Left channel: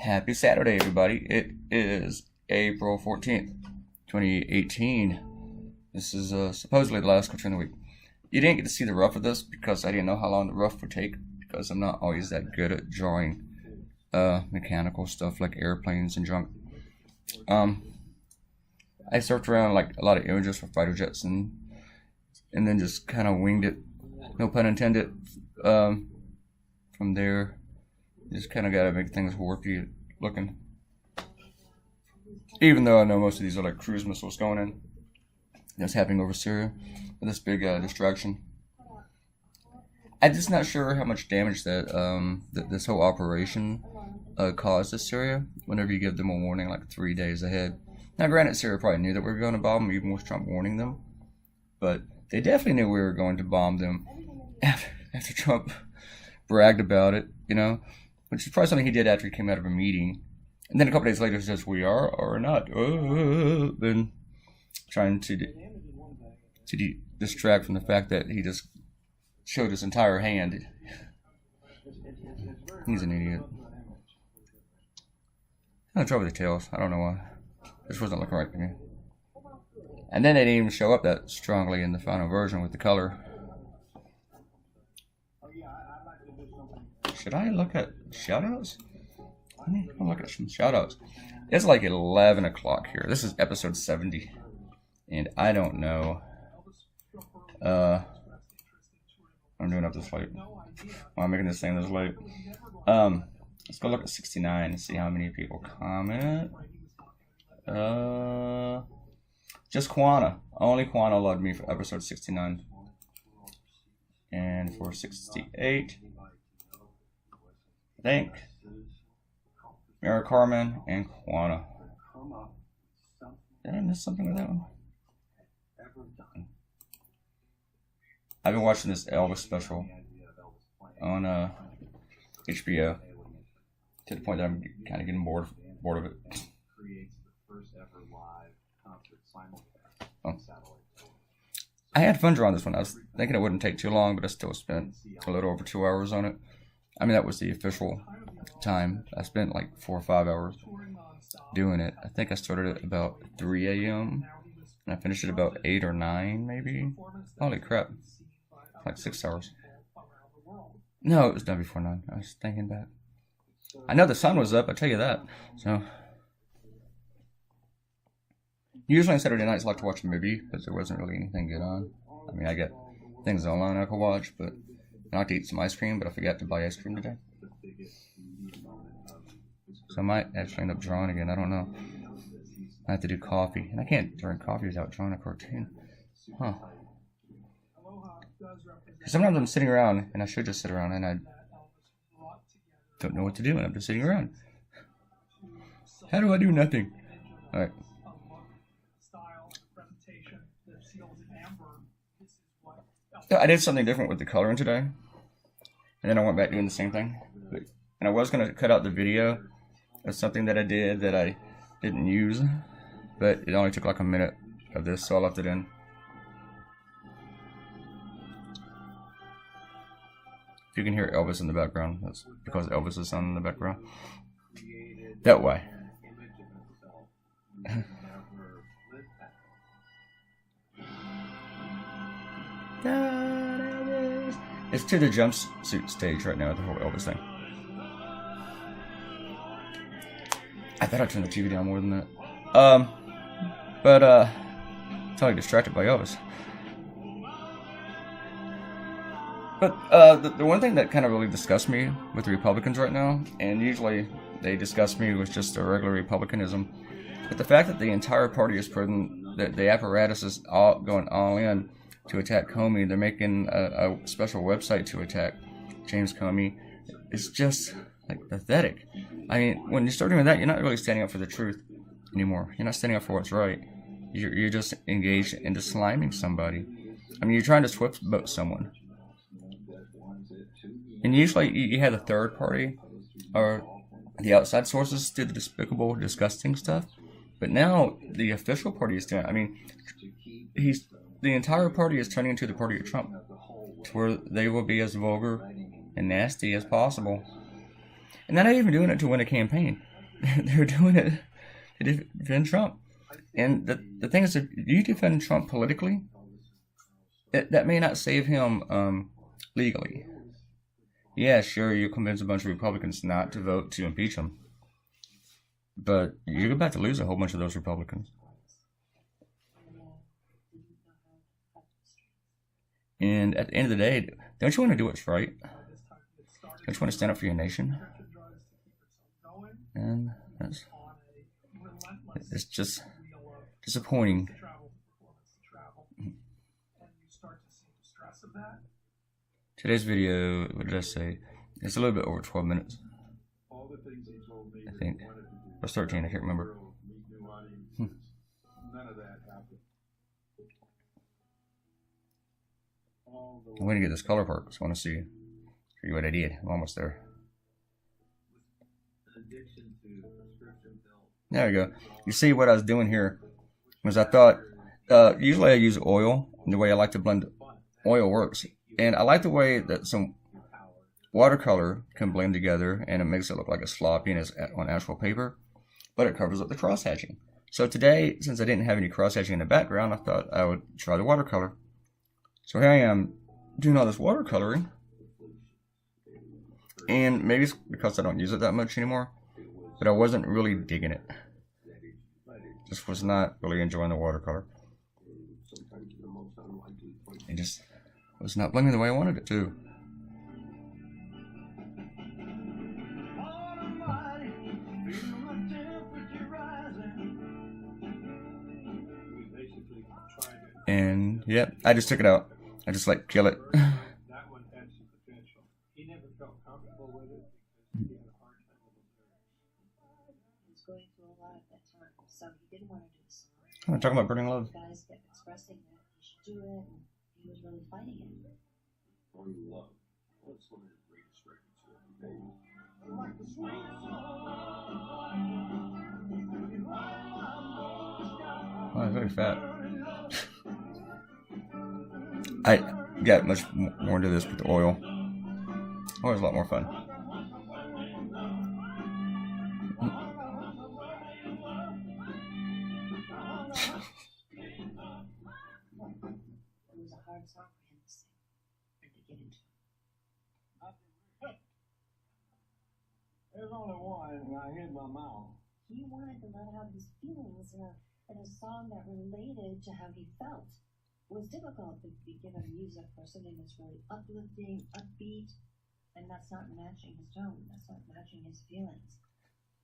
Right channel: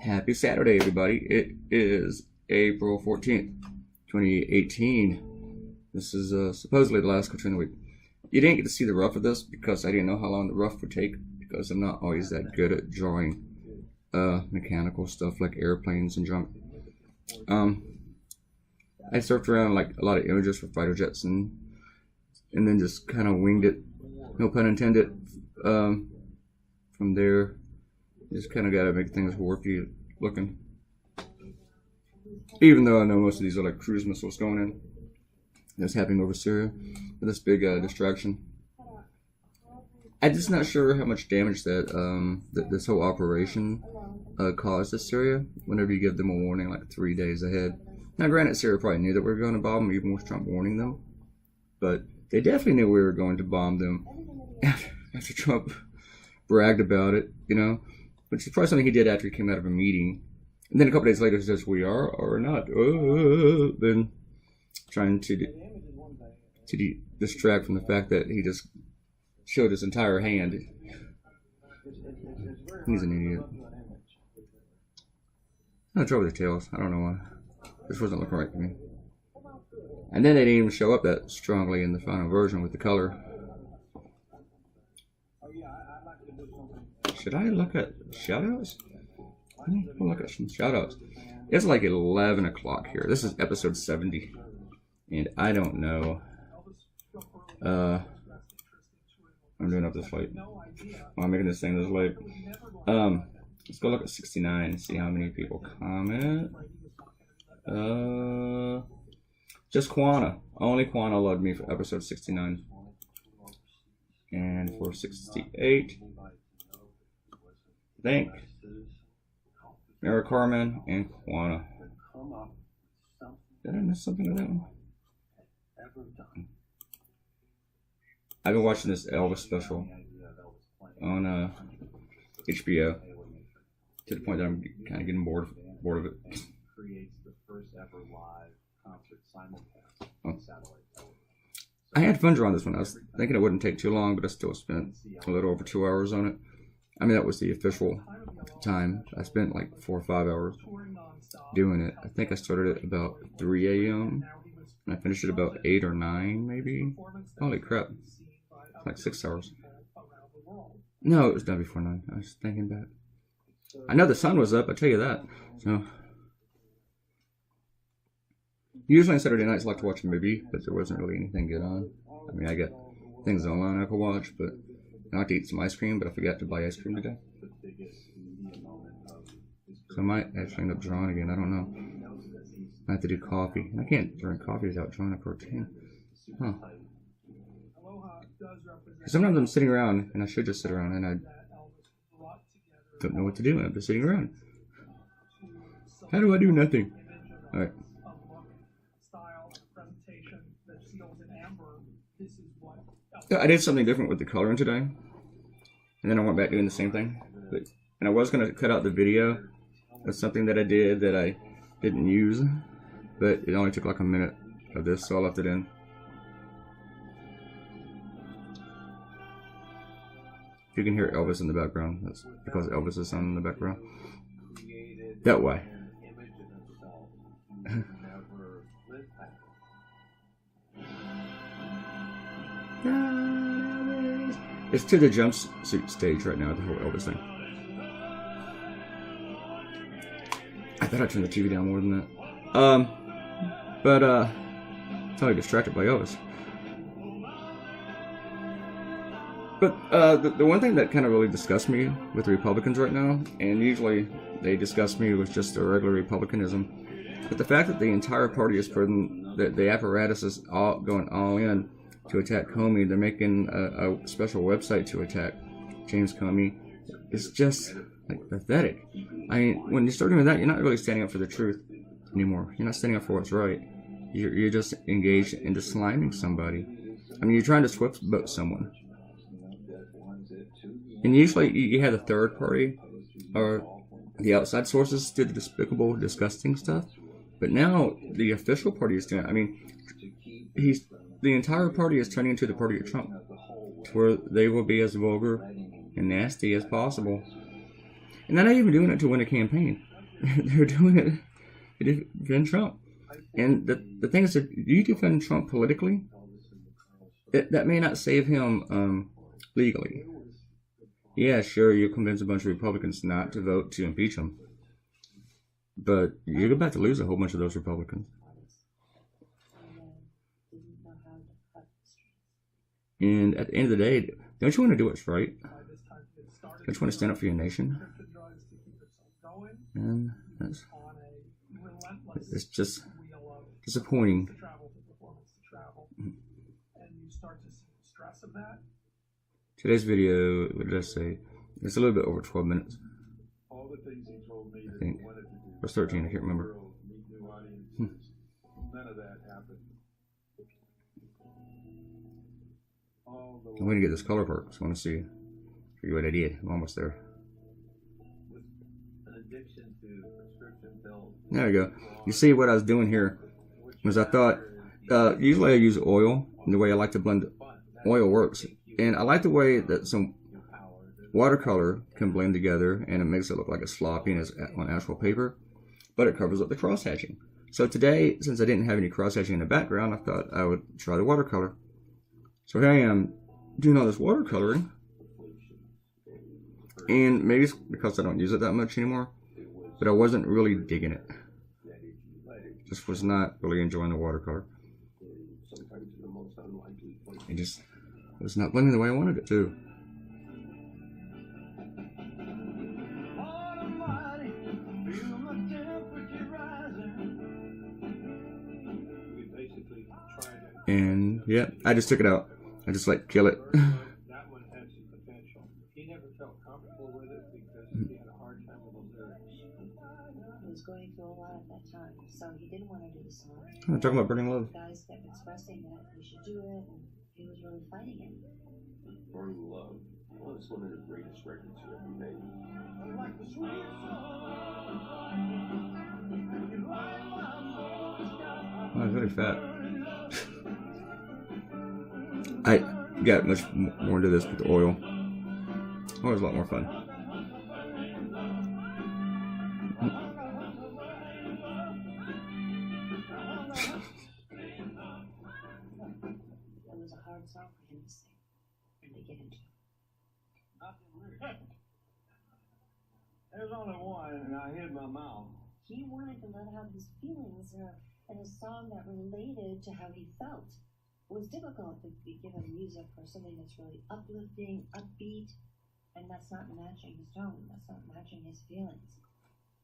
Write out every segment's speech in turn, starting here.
Happy Saturday, everybody. It is April 14th, 2018. This is supposedly the last cartoon of the week. You didn't get to see the rough of this because I didn't know how long the rough would take because I'm not always that good at drawing mechanical stuff like airplanes and junk. I surfed around like a lot of images for fighter jets and then just kind of winged it, no pun intended. From there, just kind of got to make things warpy looking. Even though I know most of these are like cruise missiles going in. That's happening over Syria. This big distraction. I'm just not sure how much damage that this whole operation caused to Syria. Whenever you give them a warning like 3 days ahead. Now, granted, Syria probably knew that we were going to bomb them, even with Trump warning them. But they definitely knew we were going to bomb them after Trump bragged about it, you know, which is probably something he did after he came out of a meeting. And then a couple days later, he says, "We are or not." Then trying to distract from the fact that he just showed his entire hand. He's an idiot. I'm trouble with the tails. I don't know why. This wasn't looking right to me. And then they didn't even show up that strongly in the final version with the color. Should I look at shoutouts? Let me look at some shoutouts. It's like 11 o'clock here. This is episode 70. And I don't know. I'm doing up this late. Why I'm making this thing this late. Let's go look at 69 and see how many people comment. Just Quana. Only Quana loved me for episode 69. And for 68, I think Mary Carmen and Quana. Did I miss something with that one? I've been watching this Elvis special on HBO to the point that I'm kind of getting bored of it. Oh. I had fun drawing this one. I was thinking it wouldn't take too long, but I still spent a little over 2 hours on it. I mean, that was the official time. I spent like 4 or 5 hours doing it. I think I started at about 3 a.m. and I finished at about 8 or 9, maybe. Holy crap. Like 6 hours. No, it was done before 9. I was thinking back. I know the sun was up, I tell you that. So, usually on Saturday nights I like to watch a movie, but there wasn't really anything good on. I mean, I got things online I could watch, but I like to eat some ice cream, but I forgot to buy ice cream today. So I might actually end up drawing again, I don't know. I have to do coffee, and I can't drink coffee without drawing a cartoon. Huh. Sometimes I'm sitting around, and I should just sit around, and I don't know what to do, and I'm just sitting around. How do I do nothing? Alright. I did something different with the coloring today, and then I went back doing the same thing. And I was going to cut out the video of something that I did that I didn't use, but it only took like a minute of this, so I left it in. If you can hear Elvis in the background, that's because Elvis is on in the background. That way. It's to the jumpsuit stage right now, the whole Elvis thing. I thought I turned the TV down more than that. But totally distracted by Elvis. But the one thing that kind of really disgusts me with the Republicans right now, and usually they disgust me with just a regular Republicanism, but the fact that the entire party is putting, the apparatus is going all in to attack Comey. They're making a special website to attack James Comey. It's just like pathetic. I mean, when you're starting with that, you're not really standing up for the truth anymore. You're not standing up for what's right. You're just engaged into sliming somebody. I mean, you're trying to swift boat someone. And usually you have the third party or the outside sources do the despicable, disgusting stuff. But now the official party is doing it. I mean, the entire party is turning into the party of Trump, to where they will be as vulgar and nasty as possible. And they're not even doing it to win a campaign. they're doing it to defend Trump. And the thing is, if you defend Trump politically, that may not save him legally. Yeah, sure, you convince a bunch of Republicans not to vote to impeach him, but you're about to lose a whole bunch of those Republicans. And at the end of the day, don't you want to do what's right? Don't you want to stand up for your nation? And it's just disappointing. Today's video, what did I say? It's a little bit over 12 minutes. I think. Or 13, I can't remember. I'm going to get this color part, so I want to see what I did. I'm almost there. There we go. You see what I was doing here was I thought, usually I use oil, and the way I like to blend oil works. And I like the way that some watercolor can blend together, and it makes it look like it's sloppy and it's on actual paper, but it covers up the cross hatching. So today, since I didn't have any cross hatching in the background, I thought I would try the watercolor. So here I am doing all this watercoloring, and maybe it's because I don't use it that much anymore, but I wasn't really digging it. Just was not really enjoying the watercolor. It just was not blending the way I wanted it to. And yeah, I just took it out. I just like kill it. That one had some potential. He never felt comfortable with it because he had a hard time with those lyrics. He was going through a lot at that time, so he didn't want to do the song. I'm talking about Burning Love. Guys kept expressing that he should do it, and he was really fighting it. Burning Love. Well, it's one of the greatest records you ever made. Like the sweet Oh, it's really fat. I got much more into this with the oil. Oil was a lot more fun. It was a hard song for him to sing and to get into. There's only one, and I hid my mouth. He wanted to let out his feelings in a song that related to how he felt. It was difficult to give him music for something that's really uplifting, upbeat, and that's not matching his tone. That's not matching his feelings.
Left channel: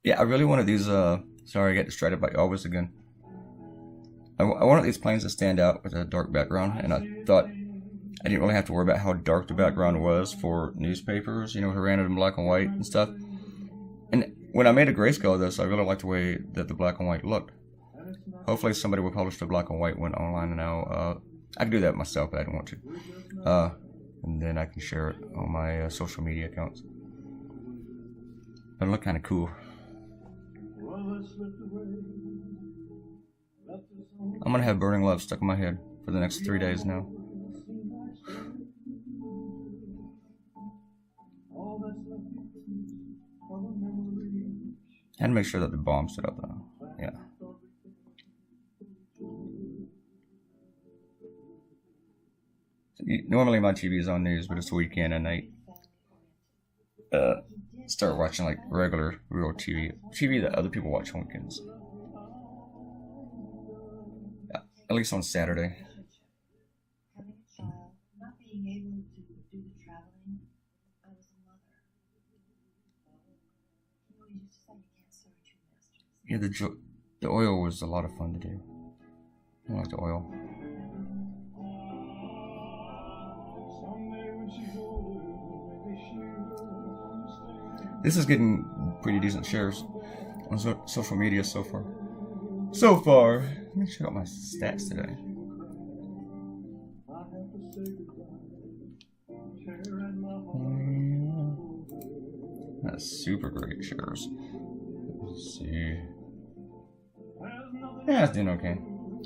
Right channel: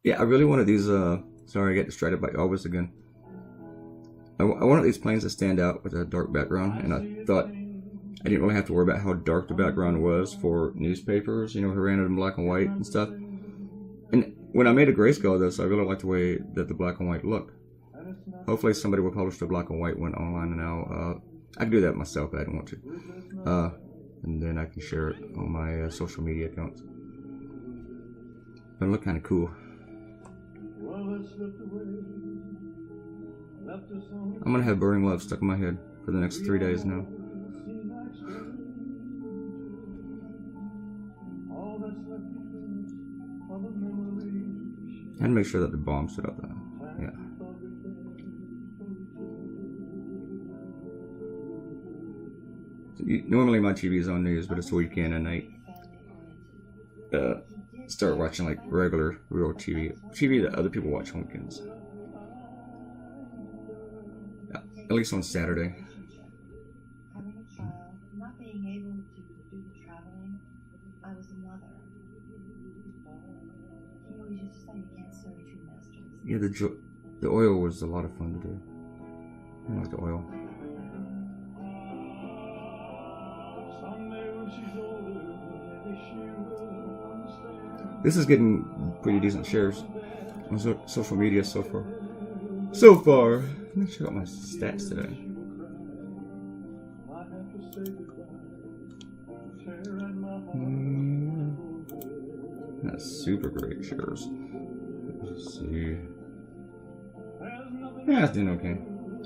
Yeah, I really wanted these, sorry, I got distracted by Elvis again. I wanted these planes to stand out with a dark background, and I thought I didn't really have to worry about how dark the background was for newspapers, you know, who ran it in black and white and stuff. And when I made a grayscale of this, I really liked the way that the black and white looked. Hopefully somebody will publish the black and white one online, and I can do that myself, but I don't want to. And then I can share it on my social media accounts. It'll look kind of cool. I'm gonna have Burning Love stuck in my head for the next 3 days now. And make sure that the bomb stood up though. Yeah. Normally my TV is on news, but it's the weekend and I start watching like regular, real TV that other people watch on weekends. Yeah, at least on Saturday. Having a child, not being able to do the traveling, I was a mother. He always used to say you can't serve two masters. Yeah, the oil was a lot of fun to do. I like the oil. This is getting pretty decent shares on social media so far. Let me check out my stats today. That's super great shares. Let's see. Yeah, it's doing okay.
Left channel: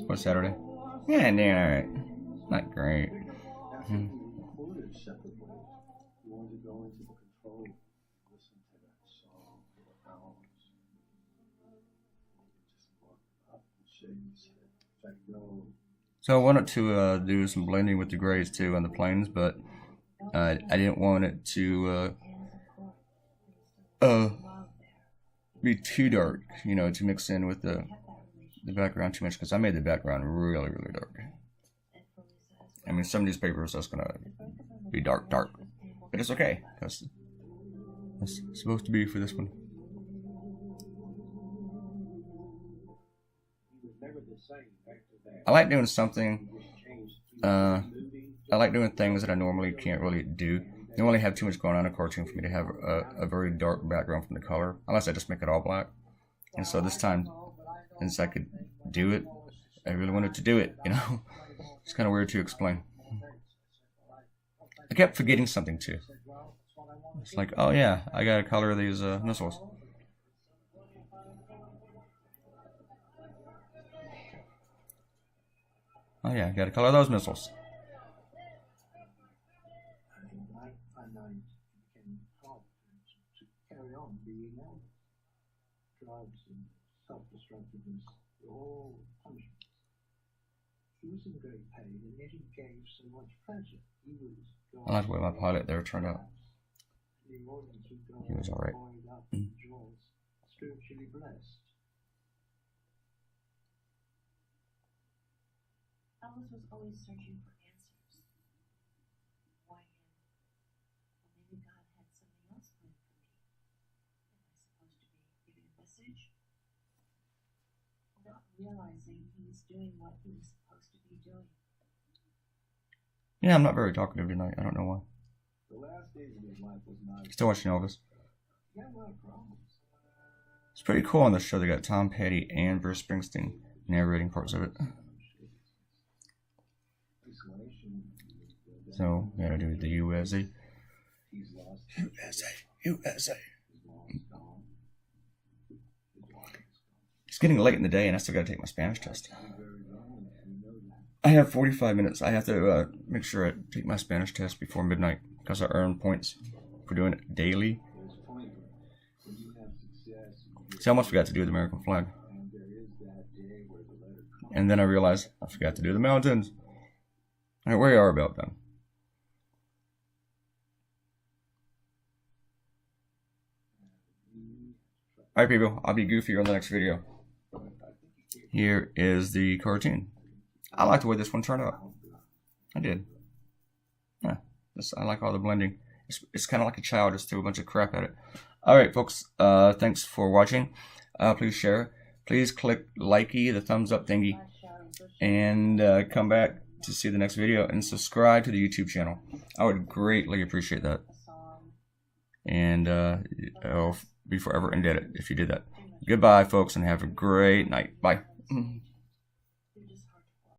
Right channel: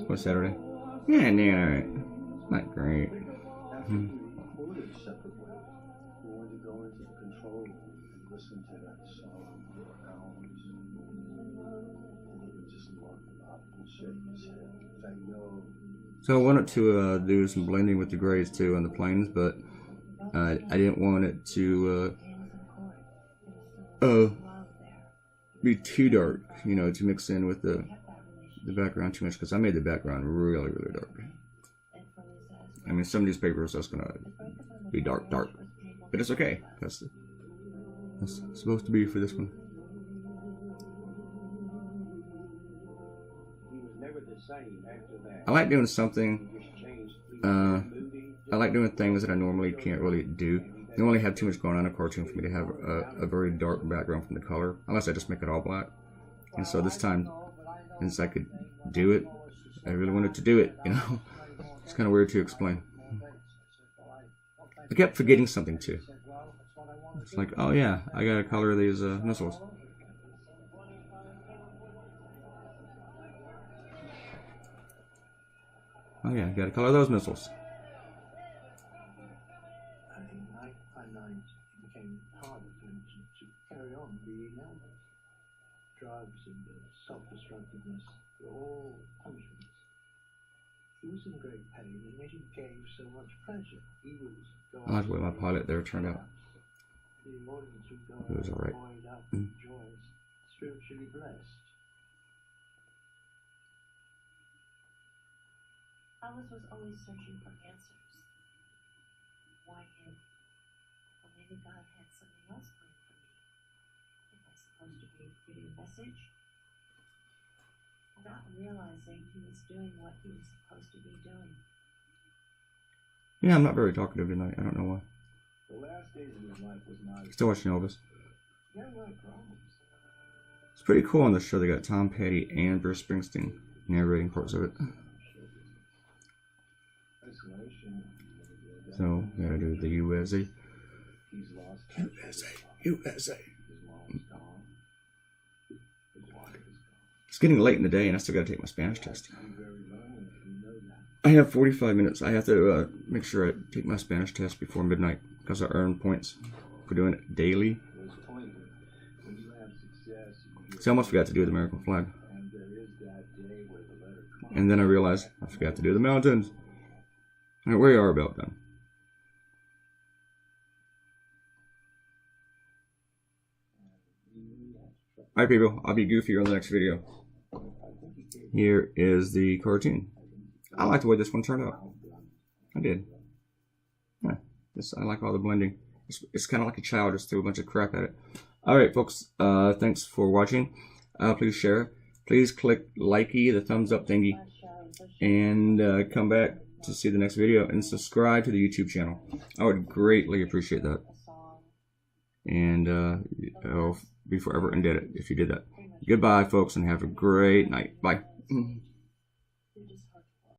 What's Saturday? Yeah, doing alright. Not great. So I wanted to do some blending with the grays too on the planes, but I didn't want it to be too dark, you know, to mix in with the background too much, because I made the background really, really dark. I mean, some newspapers that's gonna be dark, but it's okay, because it's supposed to be for this one. I like doing something. I like doing things that I normally can't really do. You only have too much going on in a cartoon for me to have a very dark background from the color, unless I just make it all black. And so this time, since I could do it, I really wanted to do it, you know. It's kind of weird to explain. I kept forgetting something too. It's like, oh yeah, I gotta color these missiles. Oh yeah, I gotta color those missiles. Night by night, it became harder for him to carry on being elder. Drugs and self-destructiveness were all punishments. He was in great pain, and yet he gave so much pleasure. He was I like the way my pilot there turned out. The audience would go He was alright. buoyed up and joyous, spiritually blessed. Alice was always searching for answers. Why him? Well, maybe God had something else planned for me. Am I supposed to be giving a message? Not realizing he was doing what he was supposed to be doing. Yeah, I'm not very talkative tonight. I don't know why. The last days of his life was not Still watching Elvis. he had a lot of problems. It's pretty cool on the show. They got Tom Petty and Bruce Springsteen narrating parts of it. Isolation. So, we gotta do the USA. He's lost USA. his mom's gone. His wife is gone. It's getting late in the day and I still gotta take my Spanish test. He's very lonely. You know that. I have 45 minutes. I have to make sure I take my Spanish test before midnight because I earn points for doing it daily. There's a point when you have success. See, I almost forgot to do the American flag. And there is that day where the letter comes. And then I realized I forgot to do the mountains. Alright, we are about done. Alright people, I'll be goofy on the next video. Here is the cartoon. I like the way this one turned out. I did. Yeah, I like all the blending. It's kind of like a child just threw a bunch of crap at it. Alright folks, thanks for watching. Please share. Please click likey, the thumbs up thingy. And come back to see the next video. And subscribe to the YouTube channel. I would greatly appreciate that. And I'll be forever indebted if you did that. Goodbye folks and have a great night. Bye.